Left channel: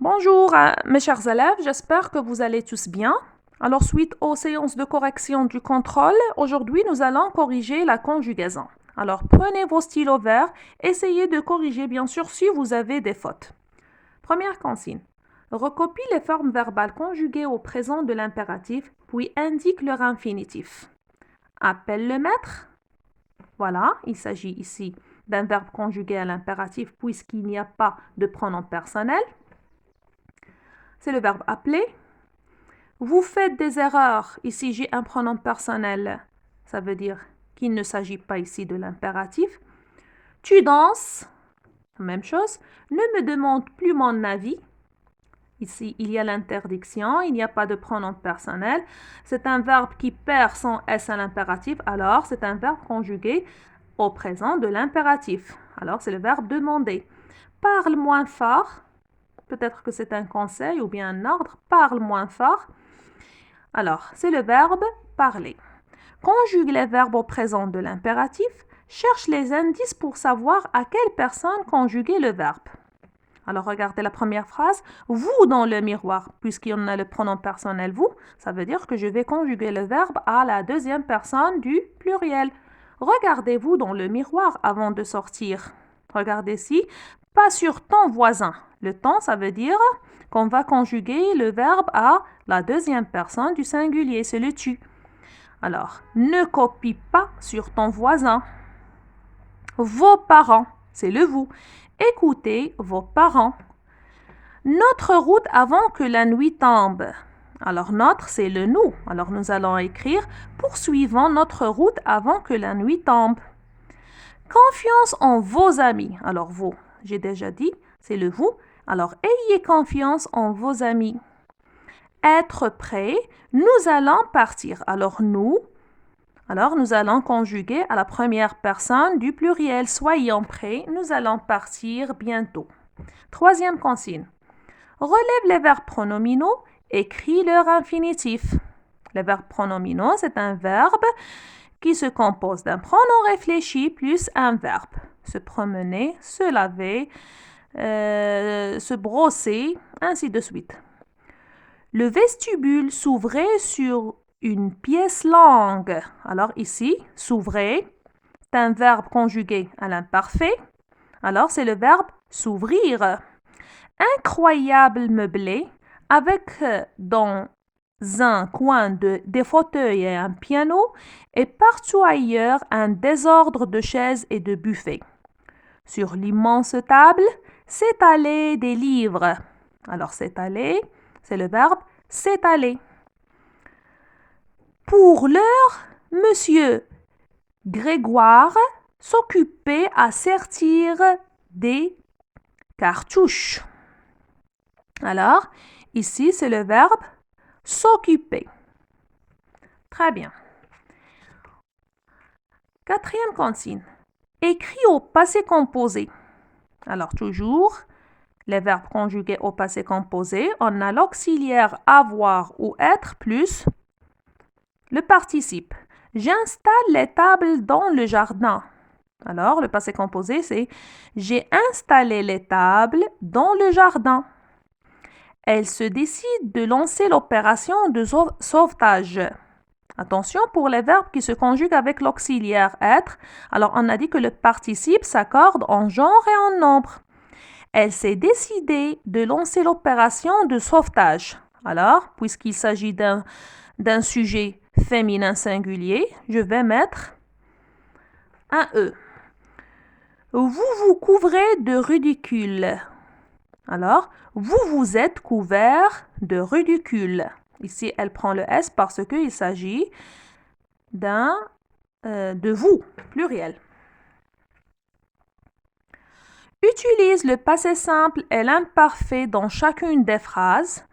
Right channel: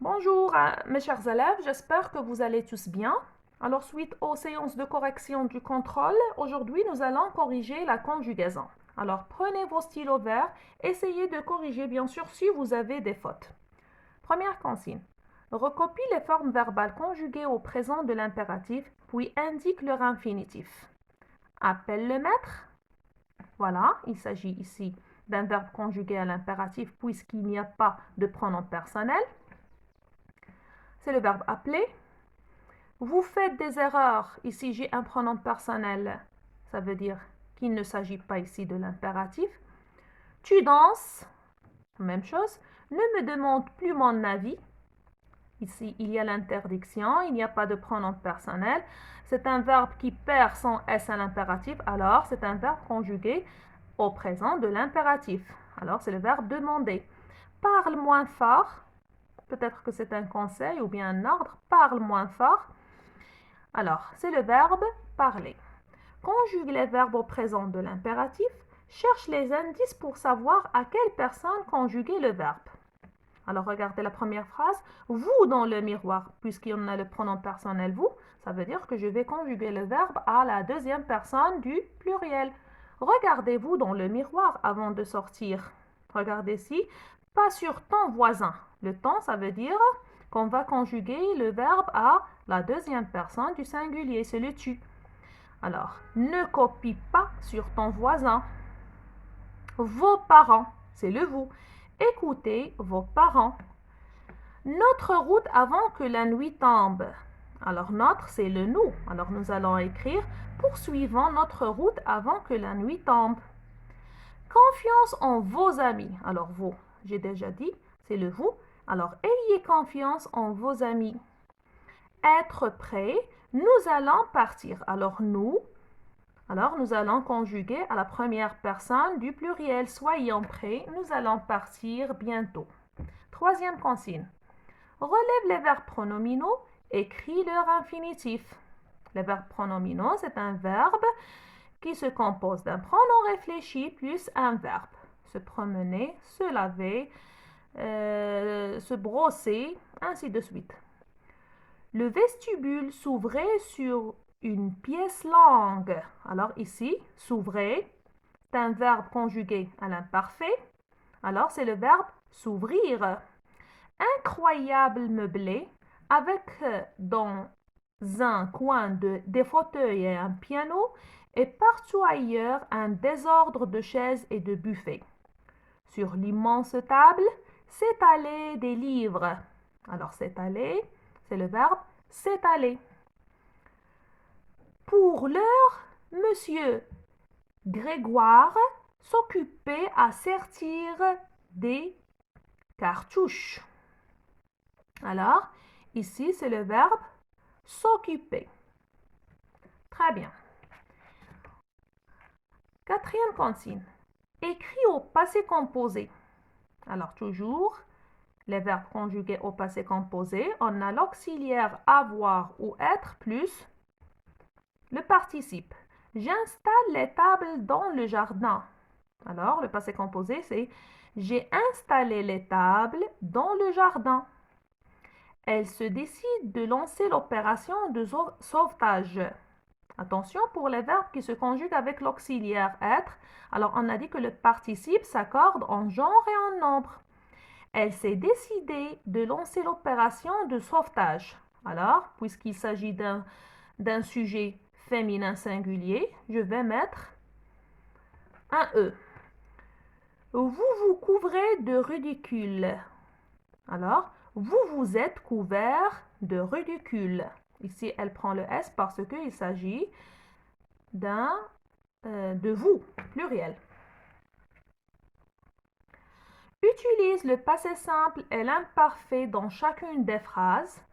Bonjour, mes chers élèves, j'espère que vous allez tous bien. Alors, suite aux séances de correction du contrôle, aujourd'hui, nous allons corriger la conjugaison. Alors, prenez vos stylos verts, essayez de corriger, bien sûr, si vous avez des fautes. Première consigne. Recopie les formes verbales conjuguées au présent de l'impératif, puis indique leur infinitif. Appelle le maître. Voilà, il s'agit ici d'un verbe conjugué à l'impératif puisqu'il n'y a pas de pronom personnel. C'est le verbe appeler. Vous faites des erreurs. Ici, j'ai un pronom personnel. Ça veut dire qu'il ne s'agit pas ici de l'impératif. Tu danses. Même chose. Ne me demande plus mon avis. Ici, il y a l'interdiction. Il n'y a pas de pronom personnel. C'est un verbe qui perd son S à l'impératif. Alors, c'est un verbe conjugué au présent de l'impératif. Alors, c'est le verbe demander. Parle moins fort. Peut-être que c'est un conseil ou bien un ordre. Parle moins fort. Alors, c'est le verbe parler. Conjugue les verbes au présent de l'impératif. Cherche les indices pour savoir à quelle personne conjuguer le verbe. Alors, regardez la première phrase. Vous dans le miroir, puisqu'il y en a le pronom personnel vous, ça veut dire que je vais conjuguer le verbe à la deuxième personne du pluriel. Regardez-vous dans le miroir avant de sortir. Regardez ici, pas sur ton voisin. Le ton, ça veut dire qu'on va conjuguer le verbe à la deuxième personne du singulier, c'est le tu. Alors, ne copie pas sur ton voisin. Vos parents, c'est le vous. Écoutez vos parents. Notre route avant que la nuit tombe. Alors, notre, c'est le nous. Alors, nous allons écrire poursuivons notre route avant que la nuit tombe. Confiance en vos amis. Alors, vous, j'ai déjà dit, c'est le vous. Alors, ayez confiance en vos amis. Être prêt, nous allons partir. Alors, nous allons conjuguer à la première personne du pluriel. Soyons prêts, nous allons partir bientôt. Troisième consigne. Relève les verbes pronominaux, écris leur infinitif. Les verbes pronominaux, c'est un verbe qui se compose d'un pronom réfléchi plus un verbe. Se promener, se laver, se brosser, ainsi de suite. Le vestibule s'ouvrait sur une pièce longue. Alors ici, s'ouvrait, c'est un verbe conjugué à l'imparfait. Alors c'est le verbe s'ouvrir. Incroyable meublé avec dans un coin des fauteuils et un piano et partout ailleurs un désordre de chaises et de buffets. Sur l'immense table s'étalaient des livres. Alors s'étaler, c'est le verbe s'étaler. Pour l'heure, monsieur Grégoire s'occupait à sertir des cartouches. Alors, ici, c'est le verbe s'occuper. Très bien. Quatrième consigne. Écrit au passé composé. Alors, toujours, les verbes conjugués au passé composé, on a l'auxiliaire avoir ou être plus le participe. J'installe les tables dans le jardin. Alors, le passé composé, c'est j'ai installé les tables dans le jardin. Elle se décide de lancer l'opération de sauvetage. Attention pour les verbes qui se conjuguent avec l'auxiliaire être. Alors, on a dit que le participe s'accorde en genre et en nombre. Elle s'est décidée de lancer l'opération de sauvetage. Alors, puisqu'il s'agit d'un sujet féminin singulier, je vais mettre un E. Vous vous couvrez de ridicule. Alors, vous vous êtes couvert de ridicule. Ici, elle prend le S parce qu'il s'agit de vous, pluriel. Utilise le passé simple et l'imparfait dans chacune des phrases.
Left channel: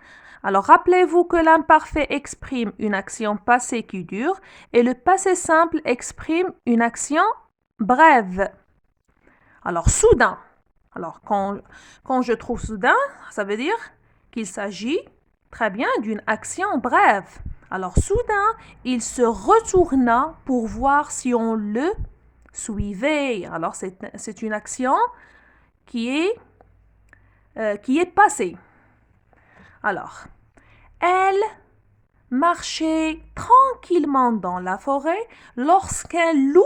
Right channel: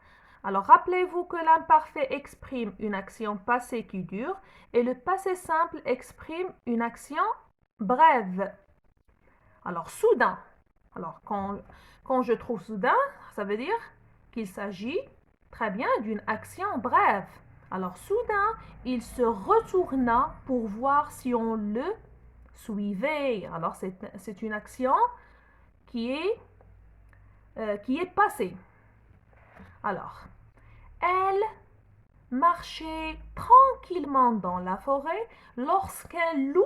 Alors, rappelez-vous que l'imparfait exprime une action passée qui dure et le passé simple exprime une action brève. Alors, soudain. Alors, quand je trouve soudain, ça veut dire qu'il s'agit très bien d'une action brève. Alors, soudain, il se retourna pour voir si on le suivait. Alors, c'est une action qui est passée. Alors, elle marchait tranquillement dans la forêt lorsqu'un loup,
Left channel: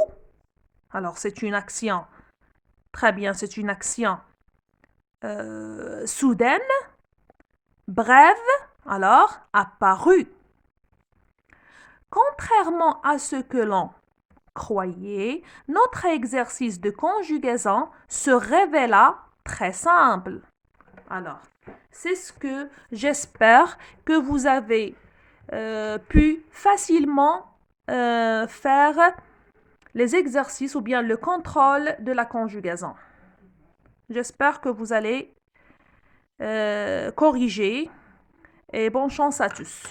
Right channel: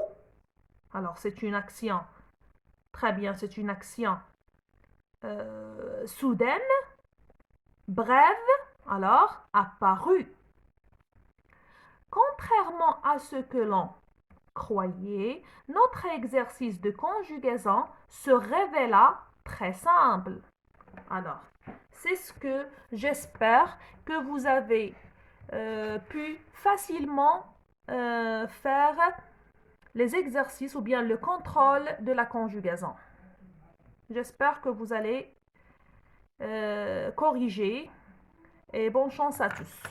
alors c'est une action, très bien, c'est une action soudaine, brève, alors apparut. Contrairement à ce que l'on croyait, notre exercice de conjugaison se révéla très simple. Alors, c'est ce que j'espère que vous avez pu facilement faire les exercices ou bien le contrôle de la conjugaison. J'espère que vous allez corriger et bonne chance à tous.